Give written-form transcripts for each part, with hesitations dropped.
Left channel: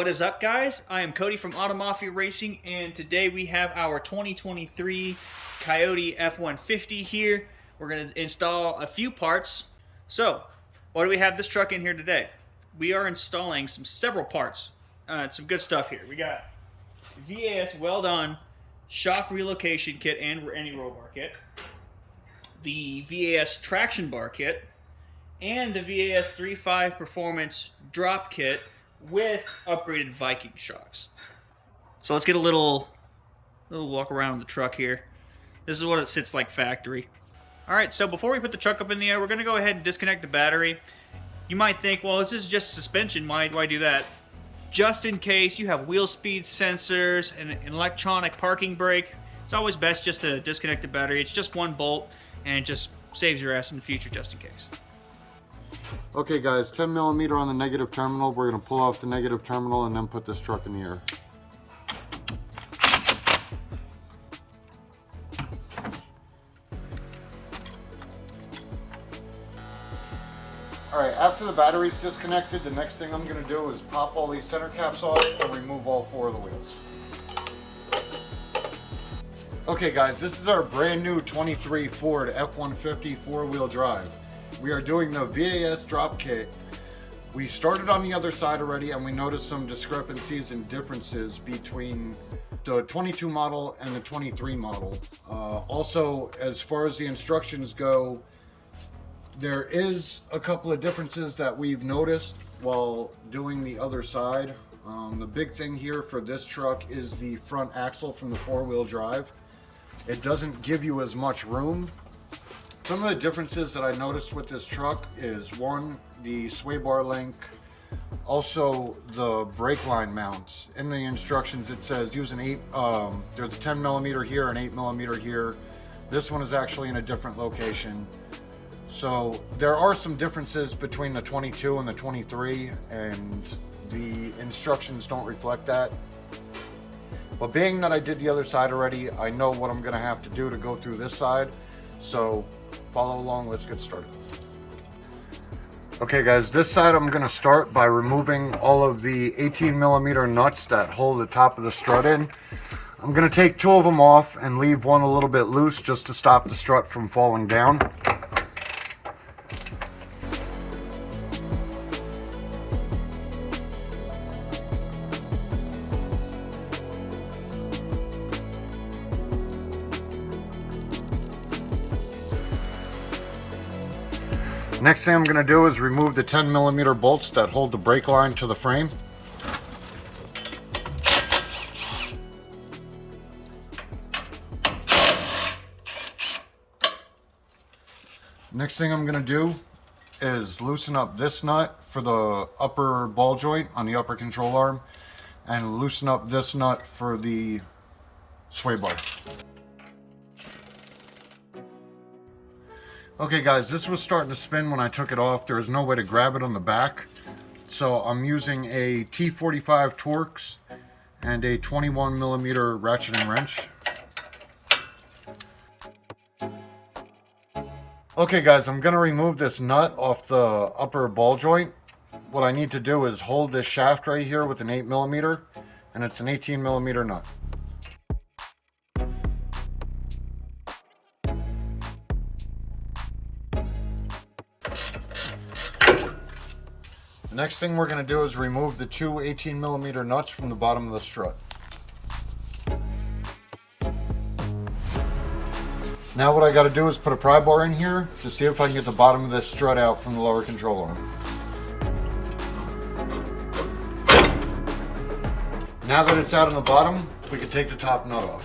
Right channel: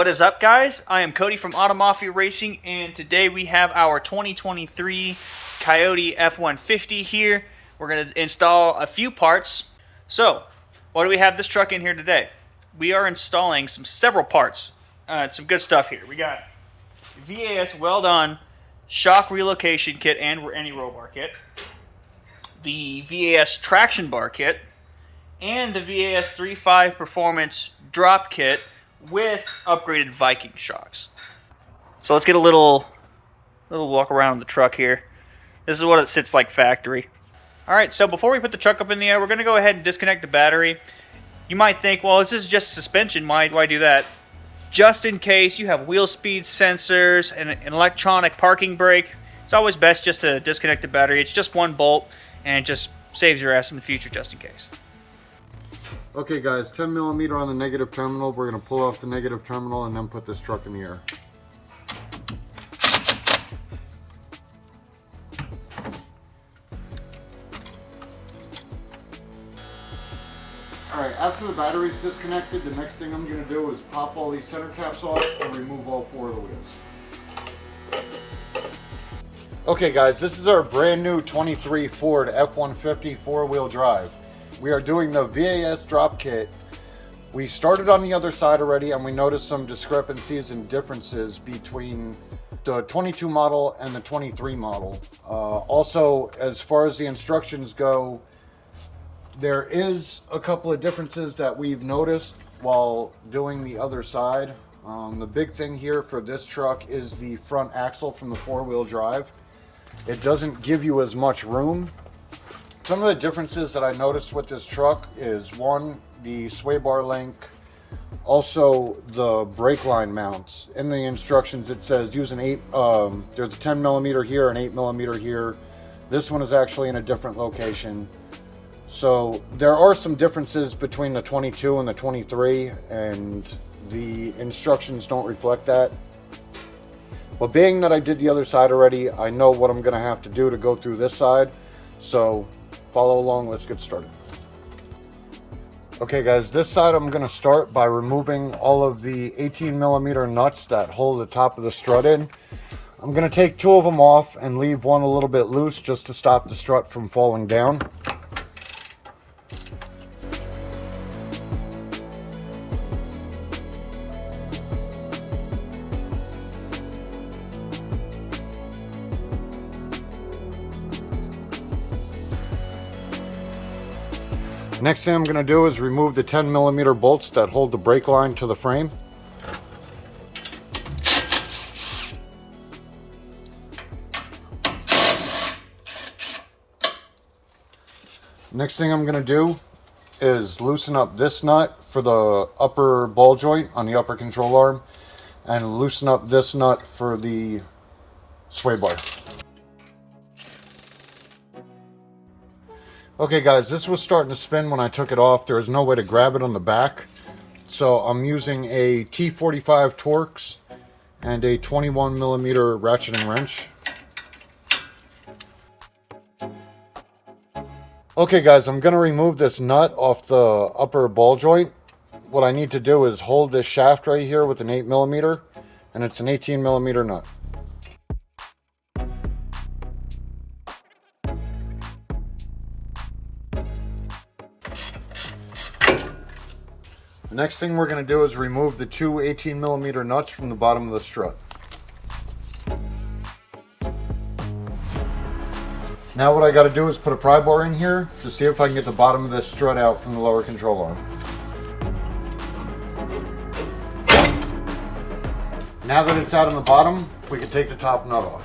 What is up, guys? I am Cody from Auto Mafia Racing, and today we have our 2023 Coyote F150 here. We're going to install a few parts. So, why do we have this truck in here today? We are installing several parts. Some good stuff here. We got VAS well-done shock relocation kit and anti-roll bar kit, the VAS traction bar kit, and the VAS 3.5 performance drop kit with upgraded Viking shocks. So let's get a little walk around the truck here. This is what it sits like factory. Alright, so before we put the truck up in the air, we're going to go ahead and disconnect the battery. You might think, well, this is just suspension, why do that? Just in case you have wheel speed sensors and an electronic parking brake, it's always best just to disconnect the battery. It's just one bolt, and it just saves your ass in the future just in case. Okay guys, 10 millimeter on the negative terminal. We're going to pull off the negative terminal and then put this truck in the air. Alright, after the battery's disconnected, the next thing I'm going to do is pop all these center caps off and remove all 4 of the wheels. Okay guys, this is our brand new 23 Ford F150 4-wheel drive. We are doing the VAS drop kit. We started on the other side already and we noticed some discrepancies and differences between the 22 model and the 23 model. Also, as far as the instructions go, there is a couple of differences that we've noticed while doing the other side. The big thing here for this truck is the front axle from the 4-wheel drive. It doesn't give you as much room. Some of the differences that I noticed with this truck is, one, the sway bar link, also the brake line mounts. In the instructions it says use an there's a 10 millimeter here, an 8 millimeter here. This one is actually in a different location. So there are some differences between the 22 and the 23, and the instructions don't reflect that. But being that I did the other side already, I know what I'm going to have to do to go through this side. So follow along, let's get started. Okay guys, this side I'm going to start by removing all of the 18 millimeter nuts that hold the top of the strut in. I'm going to take 2 of them off and leave one a little bit loose just to stop the strut from falling down. Next thing I'm going to do is remove the 10 millimeter bolts that hold the brake line to the frame. Next thing I'm going to do is loosen up this nut for the upper ball joint on the upper control arm, and loosen up this nut for the sway bar. Okay guys, this was starting to spin when I took it off. There was no way to grab it on the back. So I'm using a T45 Torx and a 21 millimeter ratchet and wrench. Okay guys, I'm going to remove this nut off the upper ball joint. What I need to do is hold this shaft right here with an 8 millimeter, and it's an 18 millimeter nut. Next thing we're going to do is remove the 2 18 millimeter nuts from the bottom of the strut. Now what I got to do is put a pry bar in here to see if I can get the bottom of this strut out from the lower control arm. Now that it's out on the bottom, we can take the top nut off.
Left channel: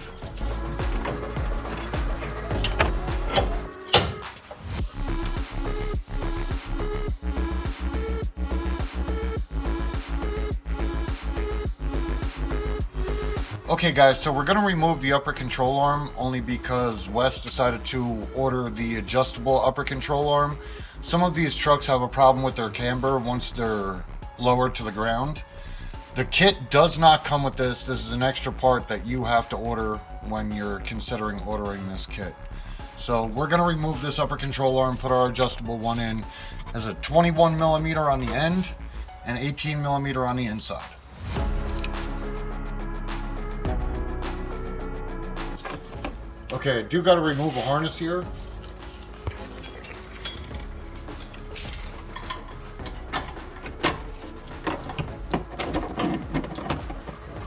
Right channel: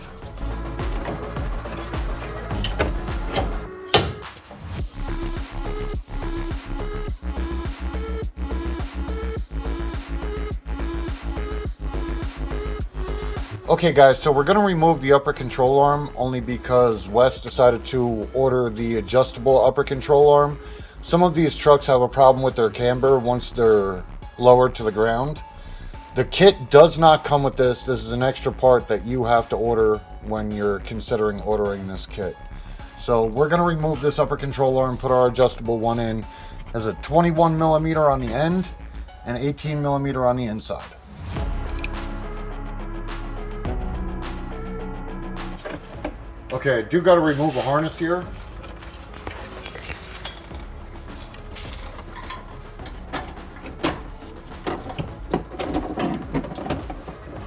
Okay guys, so we're going to remove the upper control arm only because Wes decided to order the adjustable upper control arm. Some of these trucks have a problem with their camber once they're lowered to the ground. The kit does not come with this. This is an extra part that you have to order when you're considering ordering this kit. So we're going to remove this upper control arm, put our adjustable one in. It has a 21 millimeter on the end and 18 millimeter on the inside. Okay, I do got to remove a harness here.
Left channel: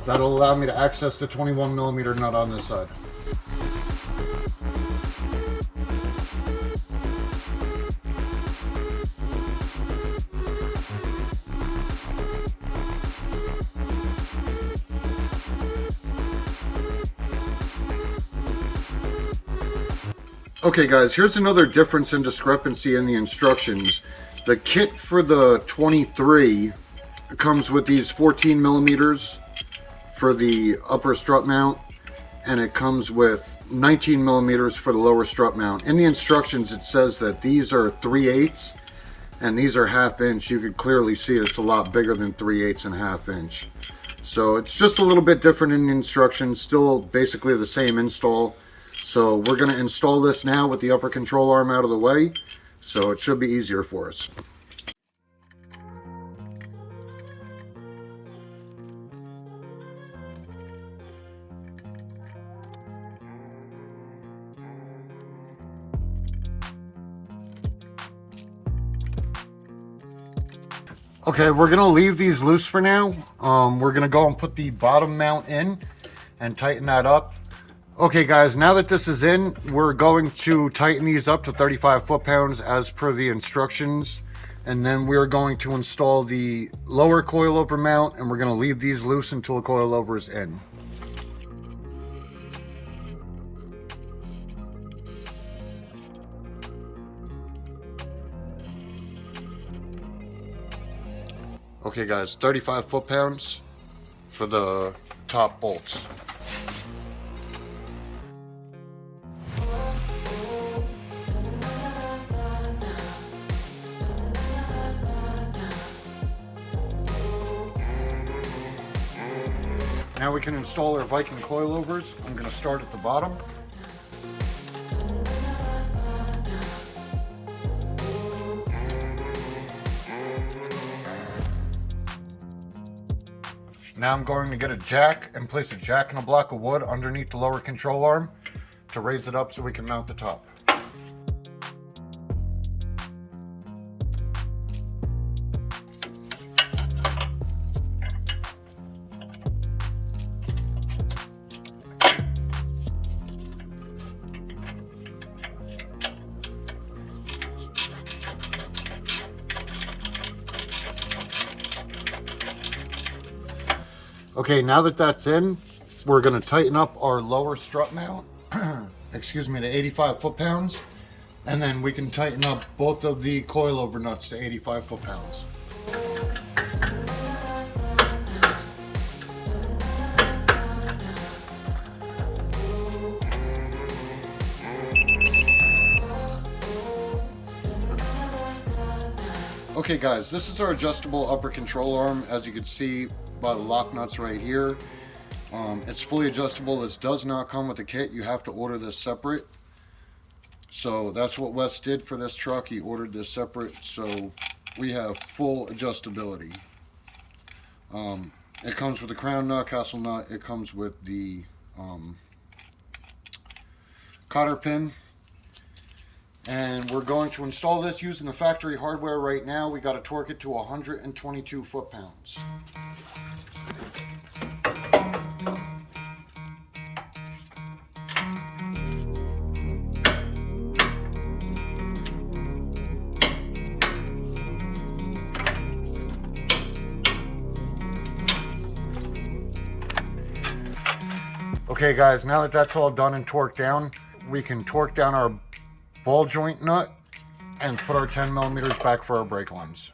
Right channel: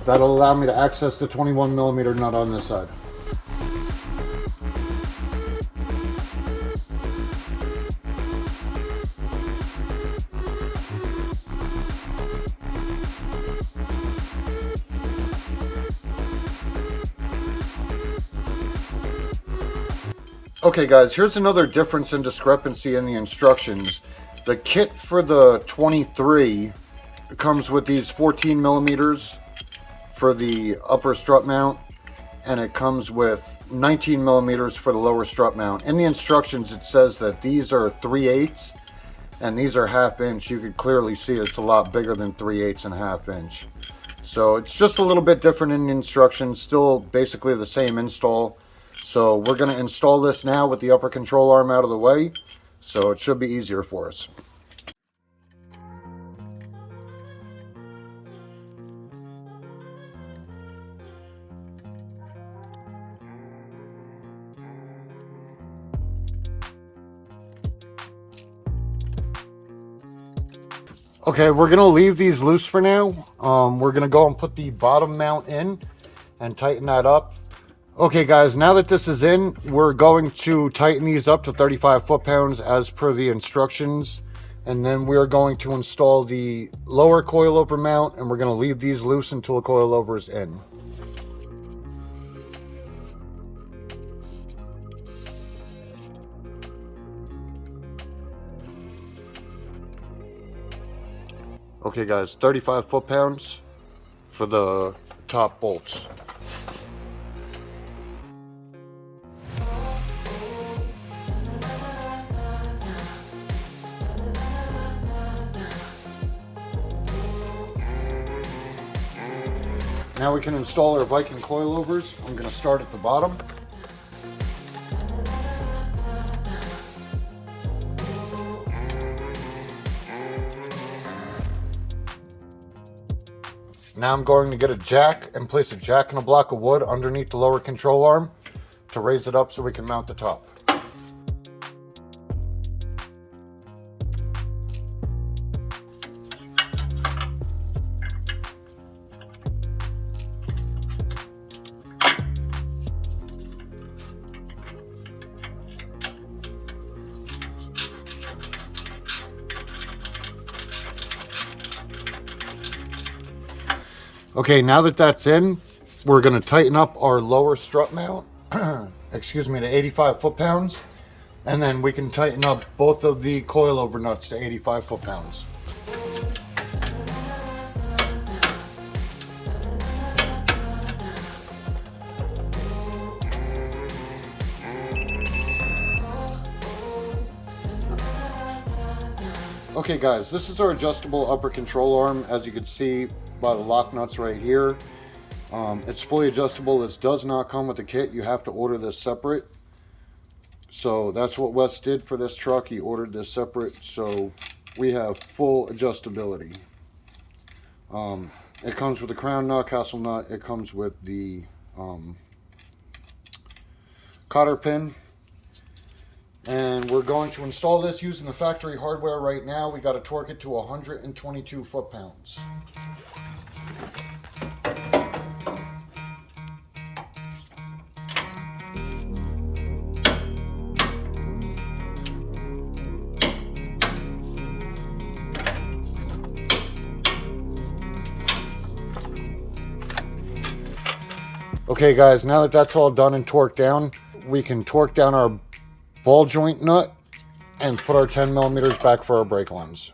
That'll allow me to access the 21mm nut on this side. Okay guys, here's another difference and discrepancy in the instructions. The kit for the 23 comes with these 14mm for the upper strut mount, and it comes with 19mm for the lower strut mount. In the instructions it says that these are 3/8 and these are 1/2 inch. You can clearly see it's a lot bigger than 3/8 and 1/2 inch. So it's just a little bit different in the instructions, still basically the same install. So we're going to install this now with the upper control arm out of the way, so it should be easier for us. Okay, we're going to leave these loose for now. We're going to go and put the bottom mount in and tighten that up. Okay guys, now that this is in, we're going to tighten these up to 35 foot-pounds as per the instructions. And then we're going to install the lower coilover mount, and we're going to leave these loose until the coilover is in. Okay guys, 35 foot-pounds for the top bolts. Now we can install our Viking coilovers. I'm going to start at the bottom. Now I'm going to get a jack and place a jack and a block of wood underneath the lower control arm to raise it up so we can mount the top. Okay, now that that's in, we're going to tighten up our lower strut mount, excuse me, to 85 foot-pounds, and then we can tighten up both of the coilover nuts to 85 foot-pounds. Okay guys, this is our adjustable upper control arm, as you can see by the lock nuts right here. It's fully adjustable. This does not come with the kit. You have to order this separate. So that's what Wes did for this truck. He ordered this separate, so we have full adjustability. It comes with a crown nut, castle nut. It comes with the cotter pin. And we're going to install this using the factory hardware right now. We got to torque it to 122 foot-pounds. Okay guys, now that that's all done and torqued down, we can torque down our ball joint nut and put our 10mm back for our brake lines.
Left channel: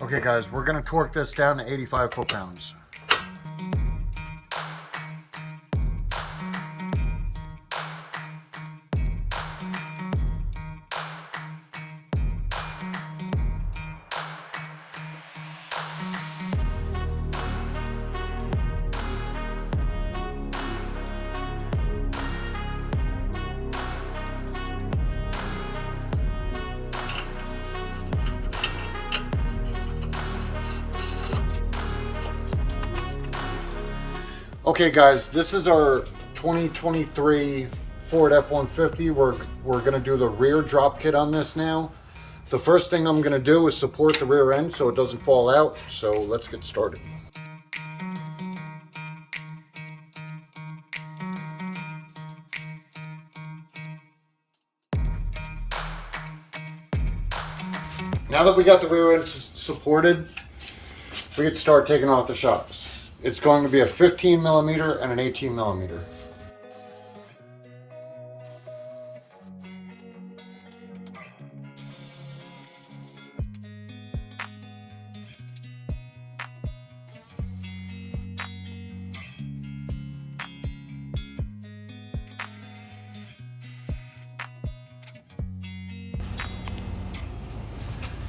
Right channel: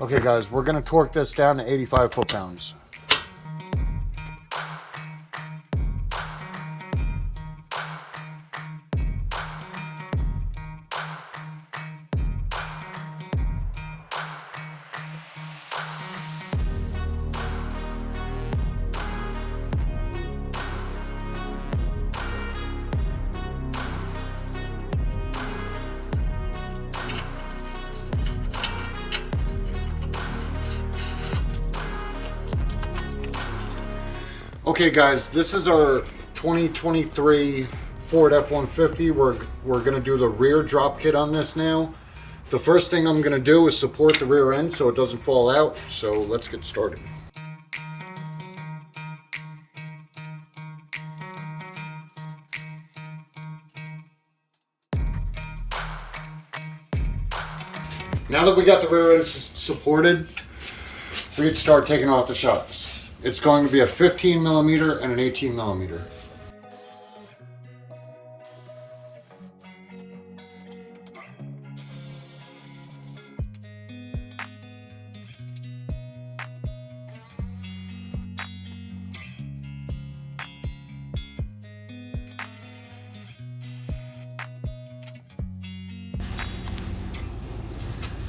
Okay guys, we're going to torque this down to 85 foot-pounds. Okay guys, this is our 2023 Ford F-150. We're gonna do the rear drop kit on this now. The first thing I'm gonna do is support the rear end so it doesn't fall out. So let's get started. Now that we got the rear end supported, we can start taking off the shocks. It's going to be a 15 millimeter and an 18 millimeter.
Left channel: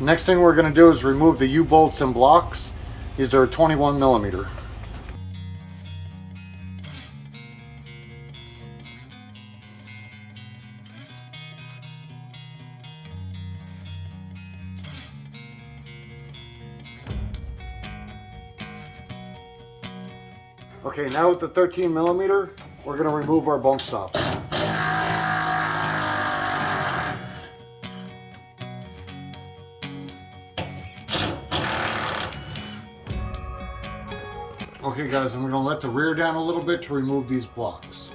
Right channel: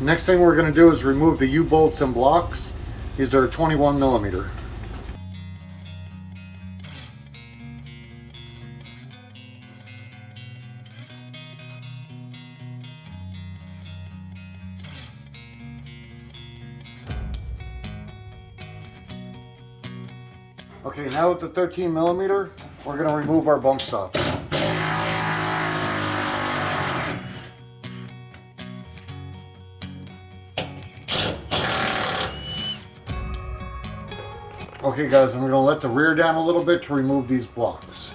Next thing we're going to do is remove the U-bolts and blocks. These are 21 millimeter. Okay, now with the 13 millimeter, we're going to remove our bump stops. Okay guys, I'm going to let the rear down a little bit to remove these blocks.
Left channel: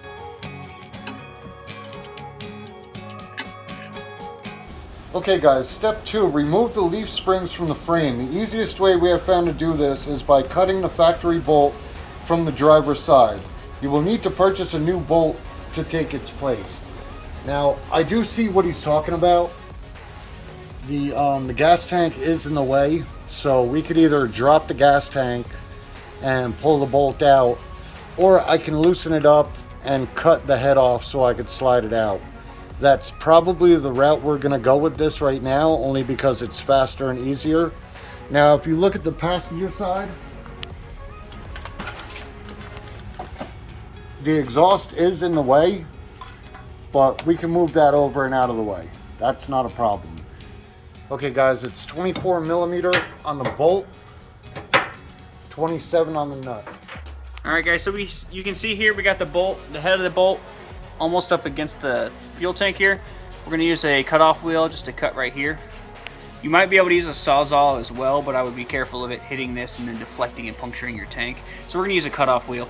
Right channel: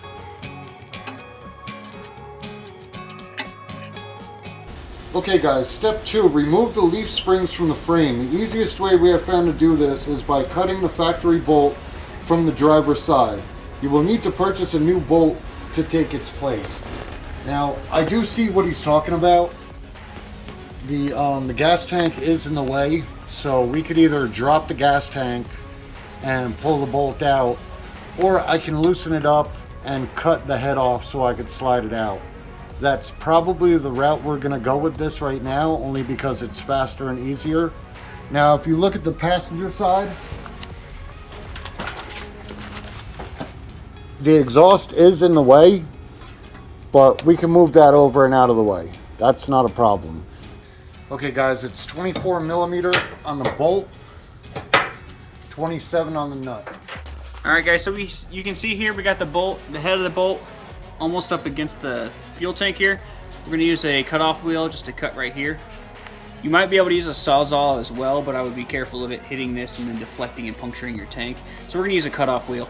Okay guys, step 2, remove the leaf springs from the frame. The easiest way we have found to do this is by cutting the factory bolt from the driver's side. You will need to purchase a new bolt to take its place. Now, I do see what he's talking about. The gas tank is in the way, so we could either drop the gas tank and pull the bolt out, or I can loosen it up and cut the head off so I could slide it out. That's probably the route we're going to go with this right now, only because it's faster and easier. Now if you look at the passenger side, the exhaust is in the way, but we can move that over and out of the way. That's not a problem. Okay guys, it's 24 millimeter on the bolt, 27 on the nut. All right guys, so you can see here we got the bolt, the head of the bolt almost up against the fuel tank here. We're gonna use a cutoff wheel just to cut right here. You might be able to use a sawzall as well, but I would be careful of it hitting this and then deflecting and puncturing your tank. So we're gonna use a cutoff wheel.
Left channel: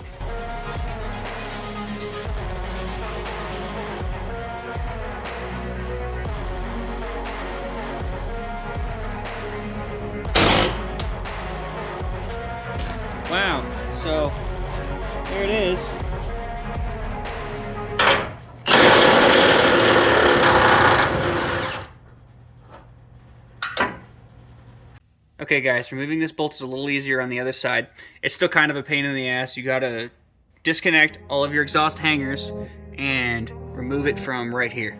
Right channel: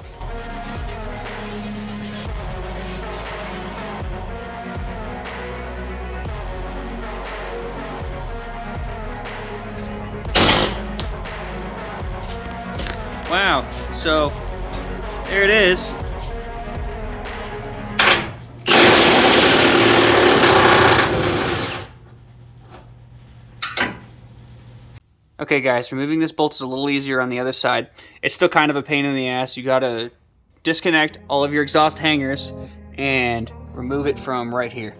Wow, so there it is. Okay guys, removing this bolt is a little easier on the other side. It's still kind of a pain in the ass. You gotta disconnect all of your exhaust hangers and remove it from right here.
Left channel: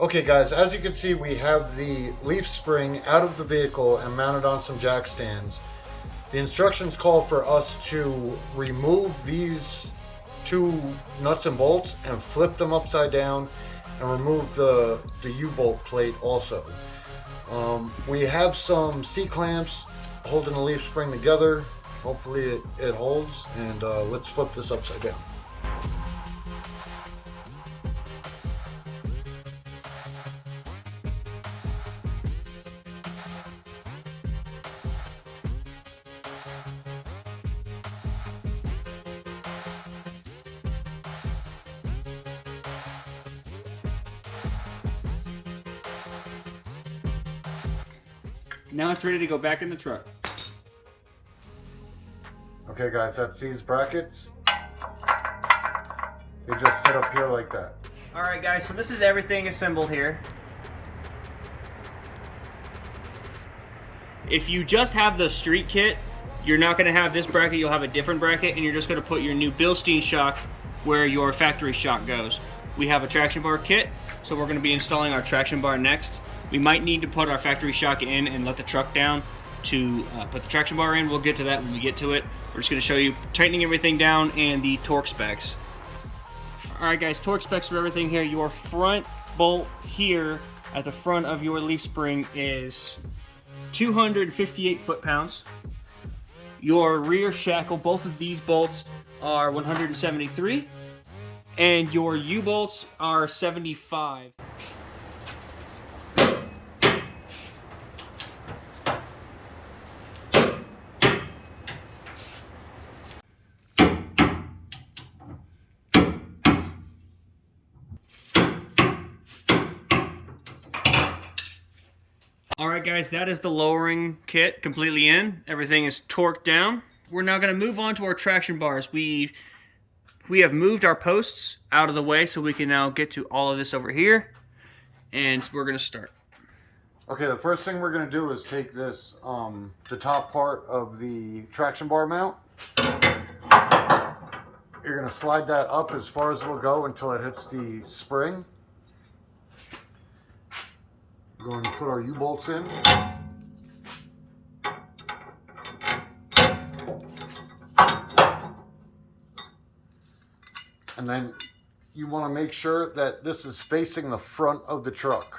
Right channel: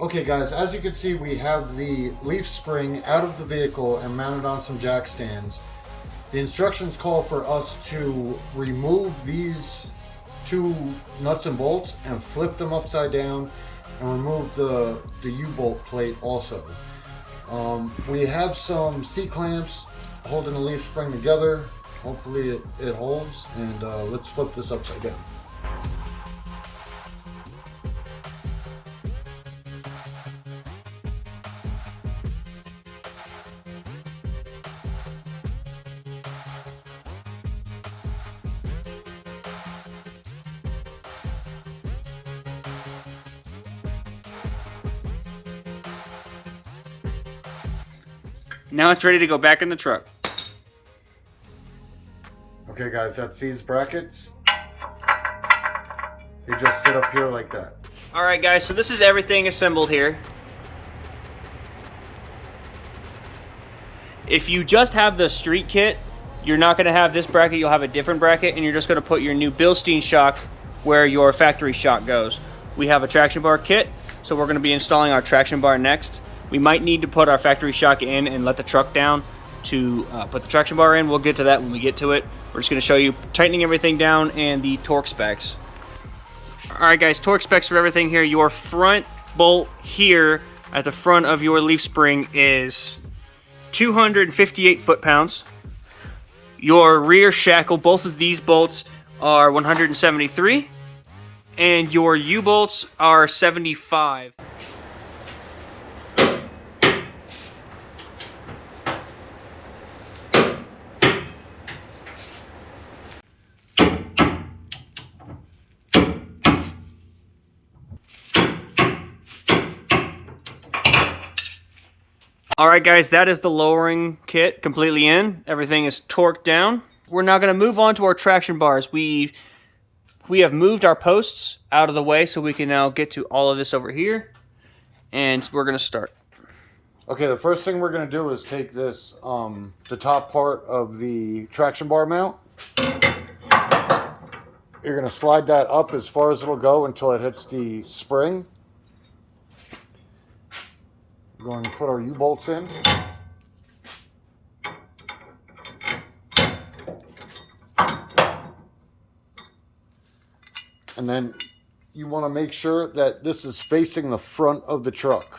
Okay guys, as you can see, we have the leaf spring out of the vehicle and mounted on some jack stands. The instructions call for us to remove these two nuts and bolts and flip them upside down and remove the U-bolt plate also. We have some C-clamps holding the leaf spring together. Hopefully it holds, and let's flip this upside down. Now it's ready to go back in the truck. Okay guys, that's these brackets. They just sit up here like that. All right, guys, so this is everything assembled here. If you just have the street kit, you're not going to have this bracket, you'll have a different bracket, and you're just going to put your new Bilstein shock where your factory shock goes. We have a traction bar kit, so we're going to be installing our traction bar next. We might need to put our factory shock in and let the truck down to put the traction bar in. We'll get to that when we get to it. We're just going to show you tightening everything down and the torque specs. All right, guys, torque specs for everything here. Your front bolt here at the front of your leaf spring is 258 foot-pounds. Your rear shackle, both of these bolts are 173, and your U-bolts are 75. Alright guys, that is the lowering kit completely in. Everything is torqued down. We're now going to move on to our traction bars. We have moved our posts out of the way so we can now get to all of this over here. And we're going to start. Okay, the first thing we're going to do is take this, the top part of the traction bar mount. You're going to slide that up as far as it'll go until it hits the spring. We're going to put our U-bolts in. And then you want to make sure that this is facing the front of the truck.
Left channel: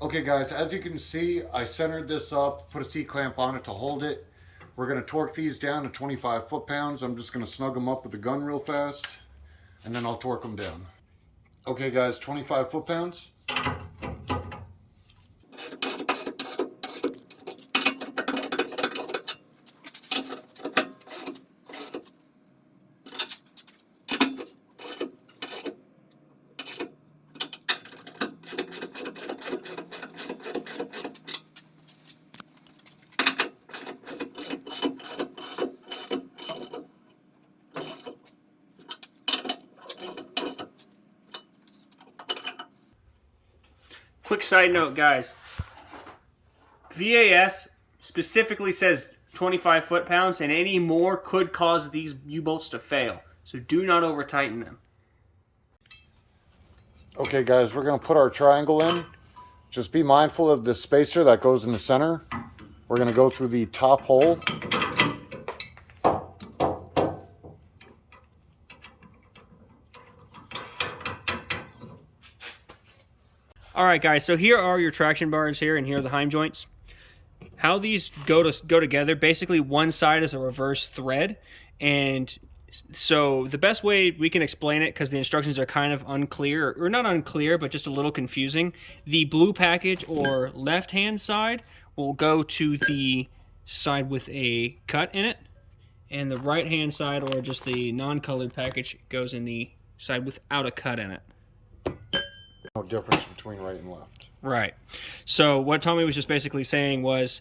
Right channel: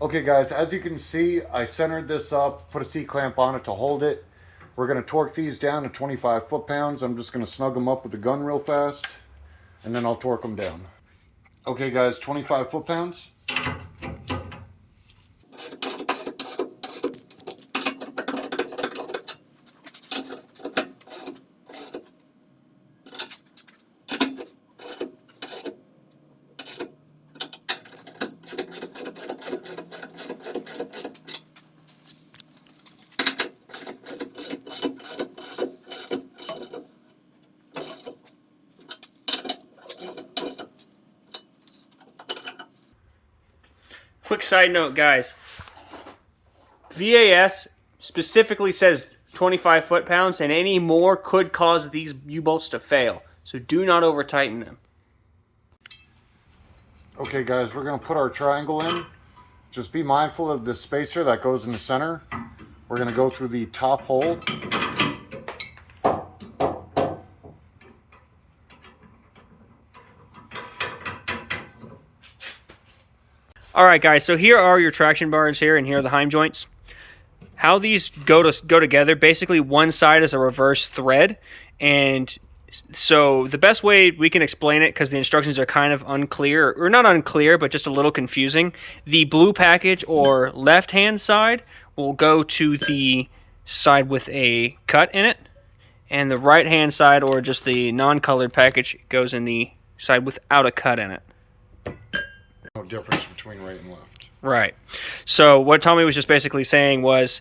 Okay guys, as you can see, I centered this up, put a C-clamp on it to hold it. We're going to torque these down to 25 foot-pounds. I'm just going to snug them up with the gun real fast, and then I'll torque them down. Okay guys, 25 foot-pounds. Quick side note, guys. VAS specifically says 25 foot-pounds, and any more could cause these U-bolts to fail. So do not over-tighten them. Okay guys, we're going to put our triangle in. Just be mindful of the spacer that goes in the center. We're going to go through the top hole. Alright guys, so here are your traction bars here, and here are the heim joints. How these go together, basically one side is a reverse thread, and so the best way we can explain it, because the instructions are kind of unclear, or not unclear, but just a little confusing, the blue package or left-hand side will go to the side with a cut in it, and the right-hand side, or just the non-colored package, goes in the side without a cut in it. No difference between right and left. Right. So what Tommy was just basically saying was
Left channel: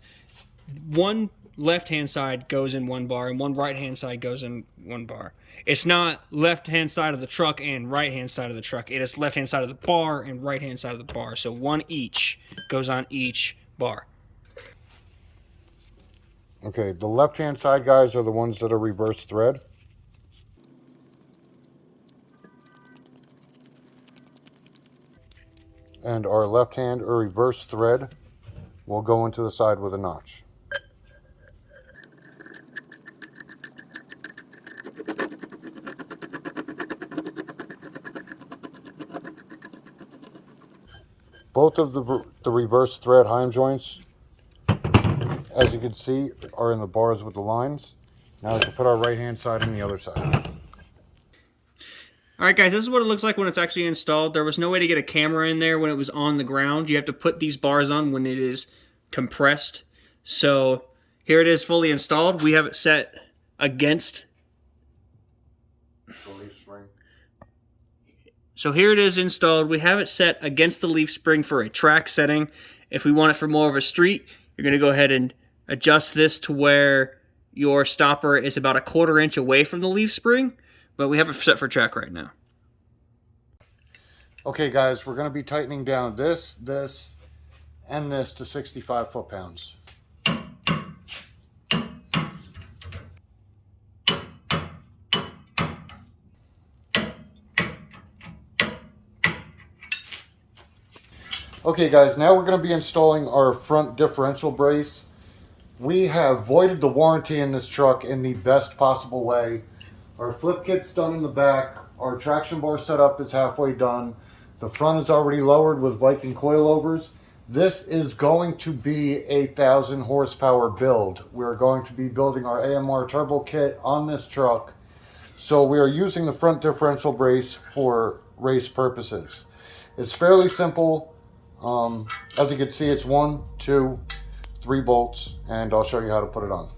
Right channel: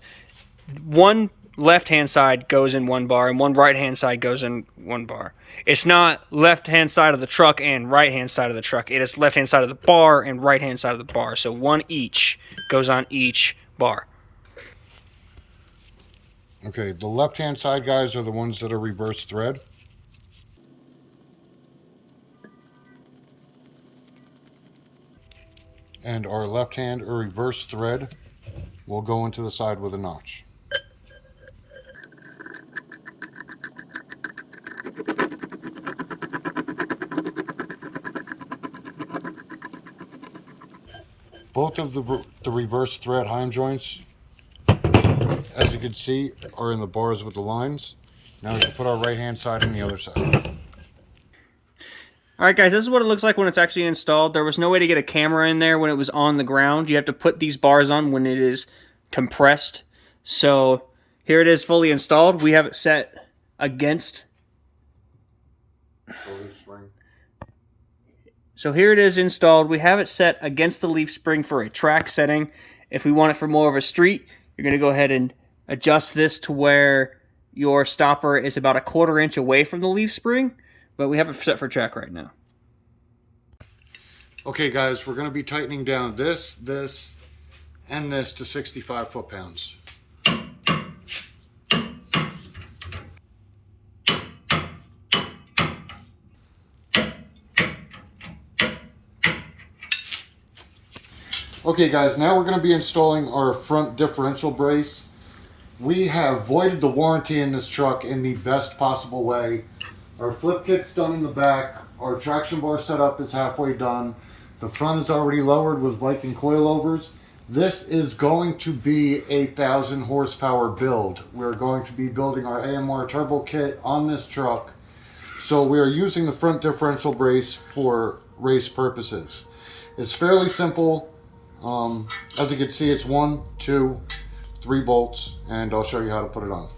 one left-hand side goes in one bar and one right-hand side goes in one bar. It's not left-hand side of the truck and right-hand side of the truck. It is left-hand side of the bar and right-hand side of the bar. So one each goes on each bar. Okay, the left-hand side guys are the ones that are reverse thread. And our left hand or reverse thread will go into the side with a notch. Both of the reverse thread heim joints, as you can see, are in the bars with the lines. Now we can put our right hand side on the other side. Alright guys, this is what it looks like when it's actually installed. There was no way to get a camera in there when it was on the ground. You have to put these bars on when it is compressed. So here it is fully installed. We have it set against. So here it is installed. We have it set against the leaf spring for a track setting. If we want it for more of a street, you're going to go ahead and adjust this to where your stopper is about 1/4 inch away from the leaf spring, but we have it set for track right now. Okay guys, we're going to be tightening down this, and this to 65 foot-pounds. Okay guys, now we're going to be installing our front differential brace. We have voided the warranty in this truck in the best possible way. Our flip kit's done in the back. Our traction bar setup is halfway done. The front is already lowered with Viking coilovers. This is going to be a 1,000 horsepower build. We're going to be building our AMR turbo kit on this truck. So we are using the front differential brace for race purposes. It's fairly simple. As you can see, it's 1, 2, 3 bolts, and I'll show you how to put it on.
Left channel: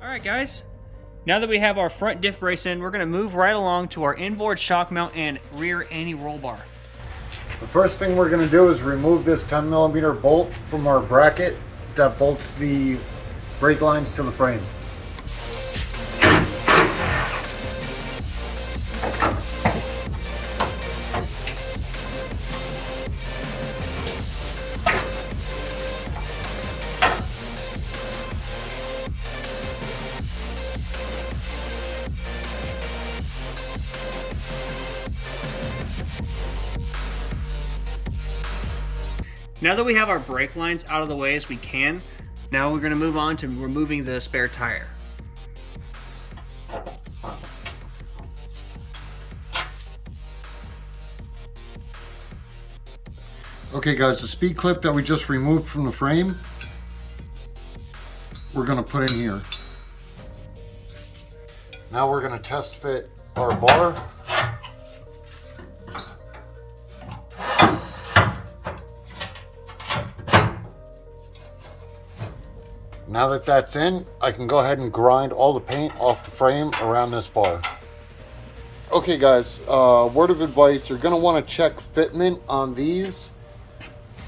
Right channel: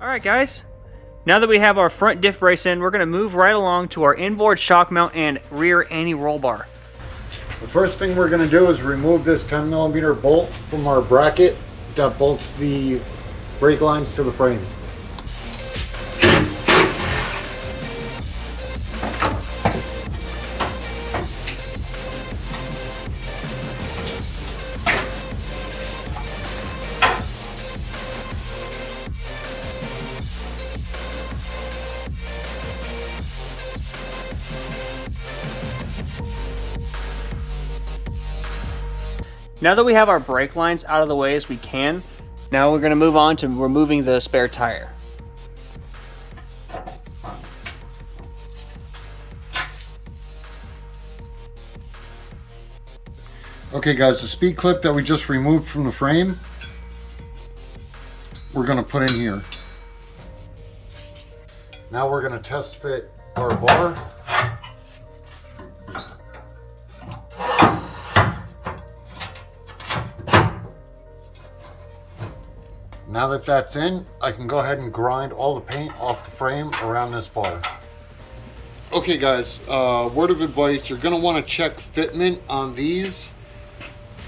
Alright guys, now that we have our front diff brace in, we're going to move right along to our inboard shock mount and rear anti-roll bar. The first thing we're going to do is remove this 10mm bolt from our bracket that bolts the brake lines to the frame. Now that we have our brake lines out of the way as we can, now we're going to move on to removing the spare tire. Okay guys, the speed clip that we just removed from the frame, we're going to put in here. Now we're going to test fit our bar. Now that that's in, I can go ahead and grind all the paint off the frame around this bar. Okay guys, word of advice, you're going to want to check fitment on these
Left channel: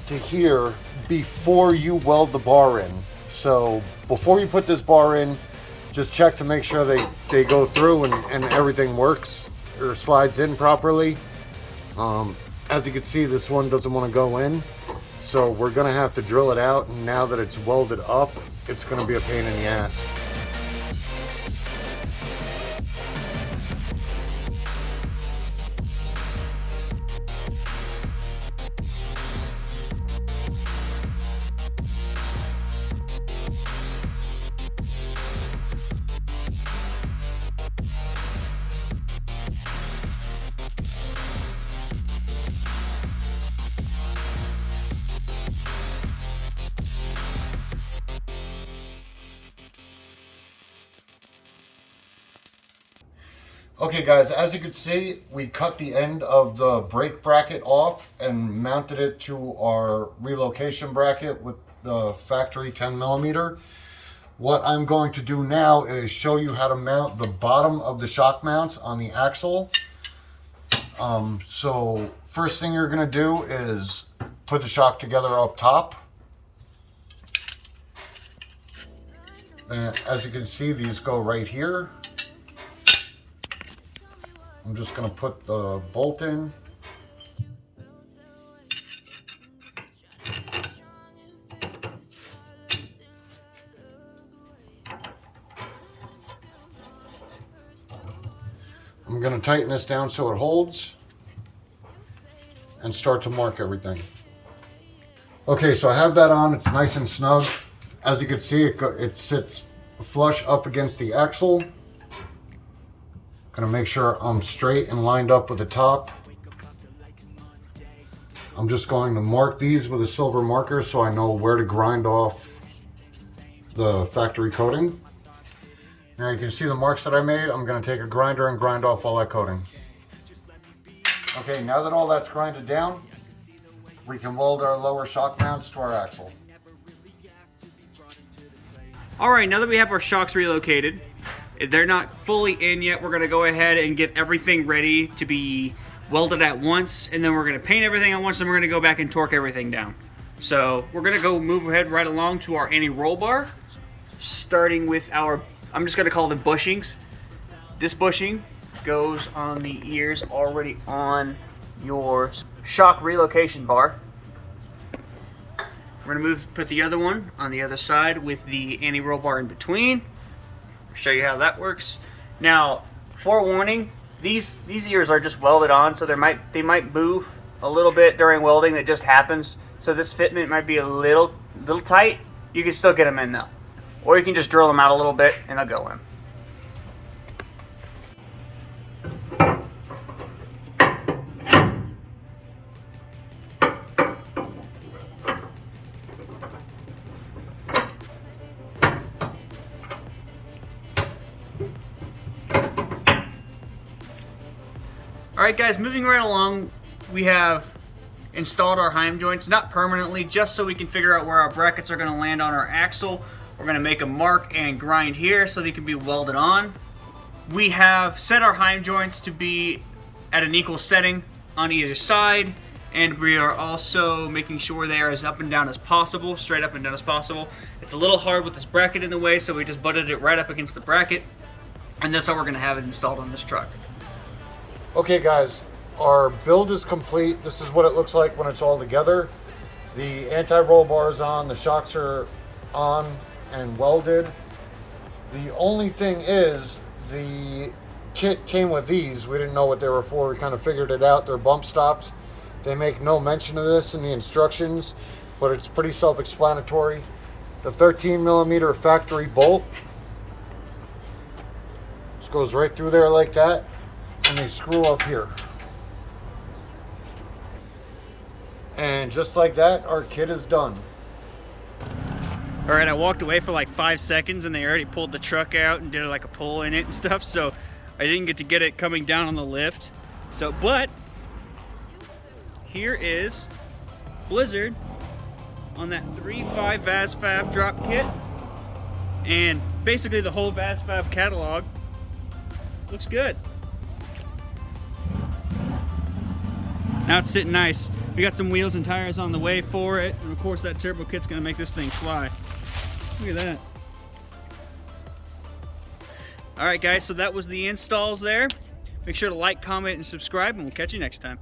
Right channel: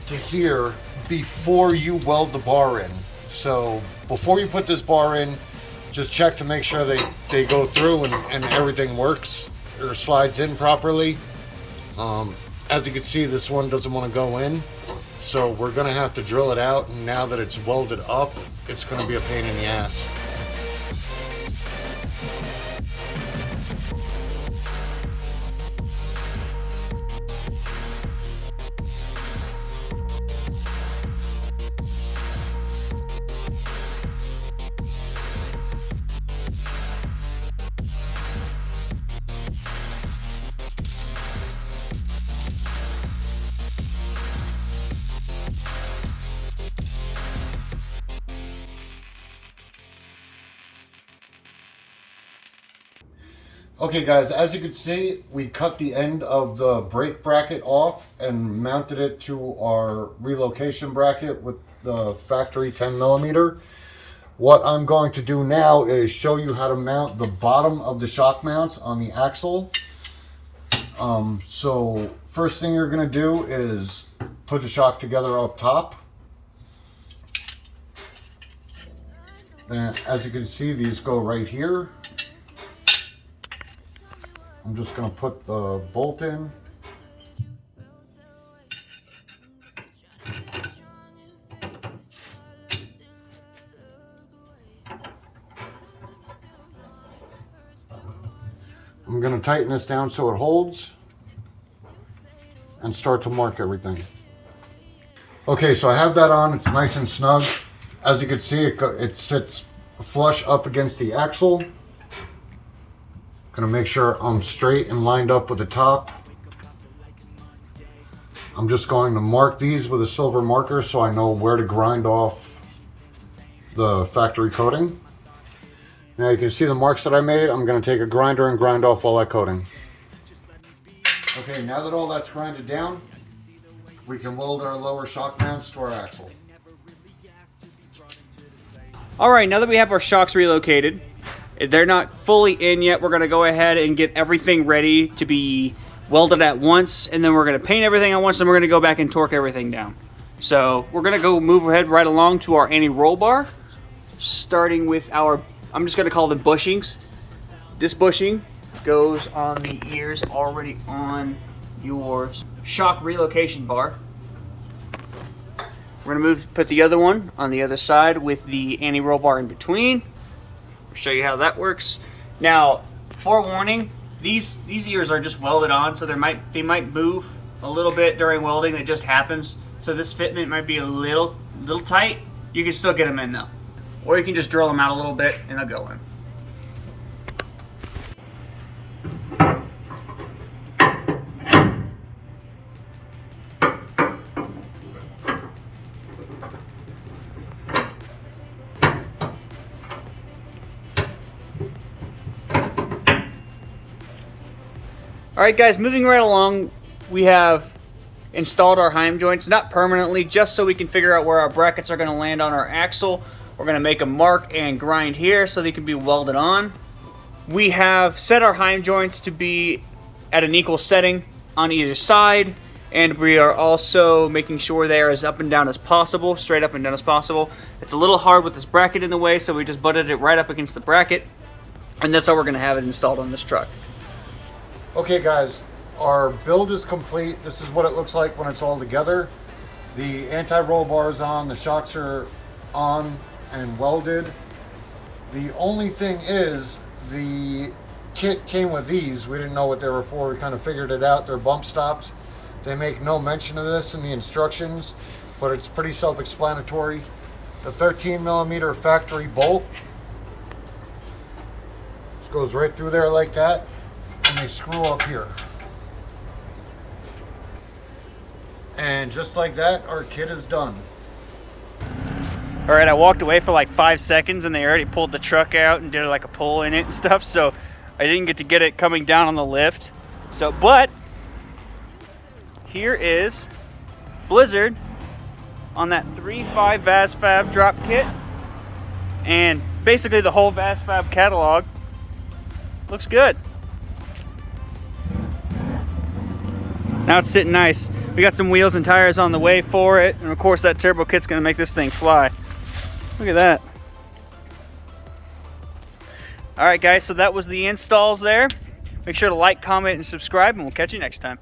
to here before you weld the bar in. So before you put this bar in, just check to make sure they go through and everything works or slides in properly. As you can see, this one doesn't want to go in, so we're going to have to drill it out, and now that it's welded up, it's going to be a pain in the ass. Okay guys, as you can see, we cut the end of the brake bracket off and mounted it to our relocation bracket with the factory 10mm. What I'm going to do now is show you how to mount the bottom of the shock mounts on the axle. So first thing you're going to do is put the shock together up top. And as you can see, these go right here. I'm just going to put the bolt in. I'm going to tighten this down so it holds and start to mark everything. Okay, so I have that on. It's nice and snug. As you can see, it sits flush up against the axle. Gonna make sure I'm straight and lined up with the top. I'm just going to mark these with a silver marker so I know where to grind off the factory coating. Now you can see the marks that I made. I'm going to take a grinder and grind off all that coating. Okay, now that all that's grinded down, we can weld our lower shock mounts to our axle. Alright, now that we have our shocks relocated, they're not fully in yet. We're going to go ahead and get everything ready to be welded at once, and then we're going to paint everything at once, and we're going to go back and torque everything down. So we're going to go move ahead right along to our anti-roll bar, starting with our, I'm just going to call them bushings. This bushing goes on the ears already on your shock relocation bar. We're going to put the other one on the other side with the anti-roll bar in between. I'll show you how that works. Now, forewarning, these ears are just welded on, so they might move a little bit during welding. That just happens. So this fitment might be a little tight. You can still get them in though, or you can just drill them out a little bit and they'll go in. Alright guys, moving right along, we have installed our heim joints, not permanently, just so we can figure out where our brackets are going to land on our axle. We're going to make a mark and grind here so they can be welded on. We have set our heim joints to be at an equal setting on either side, and we are also making sure they are as up and down as possible, straight up and down as possible. It's a little hard with this bracket in the way, so we just butted it right up against the bracket, and that's how we're going to have it installed on this truck. Okay guys, our build is complete. This is what it looks like when it's all together. The anti-roll bar is on, the shocks are on and welded. The only thing is, the kit came with these. We didn't know what they were for. We kind of figured it out. They're bump stops. They make no mention of this in the instructions, but it's pretty self-explanatory. The 13mm factory bolt just goes right through there like that. And they screw up here. And just like that, our kit is done. Alright, I walked away for like 5 seconds and they already pulled the truck out and did like a pull in it and stuff, so I didn't get it coming down on the lift. So, but here is Blizzard on that 3.5 VAS Fab drop kit, and basically the whole VAS Fab catalog looks good. Now it's sitting nice. We got some wheels and tires on the way for it, and of course that turbo kit's gonna make this thing fly. Look at that. All right guys, so that was the installs there. Make sure to like, comment, and subscribe, and we'll catch you next time.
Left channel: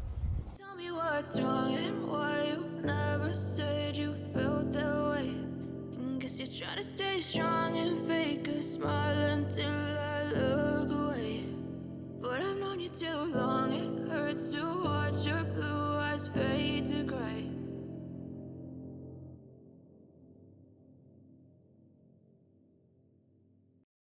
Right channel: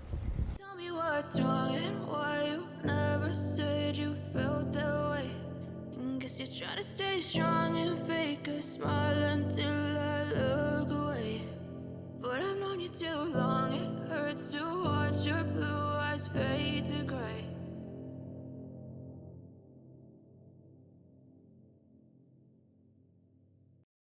Tell me what's wrong and why you never said you felt that way. And guess you're trying to stay strong and fake a smile until I look away. But I've known you too long, it hurts to watch your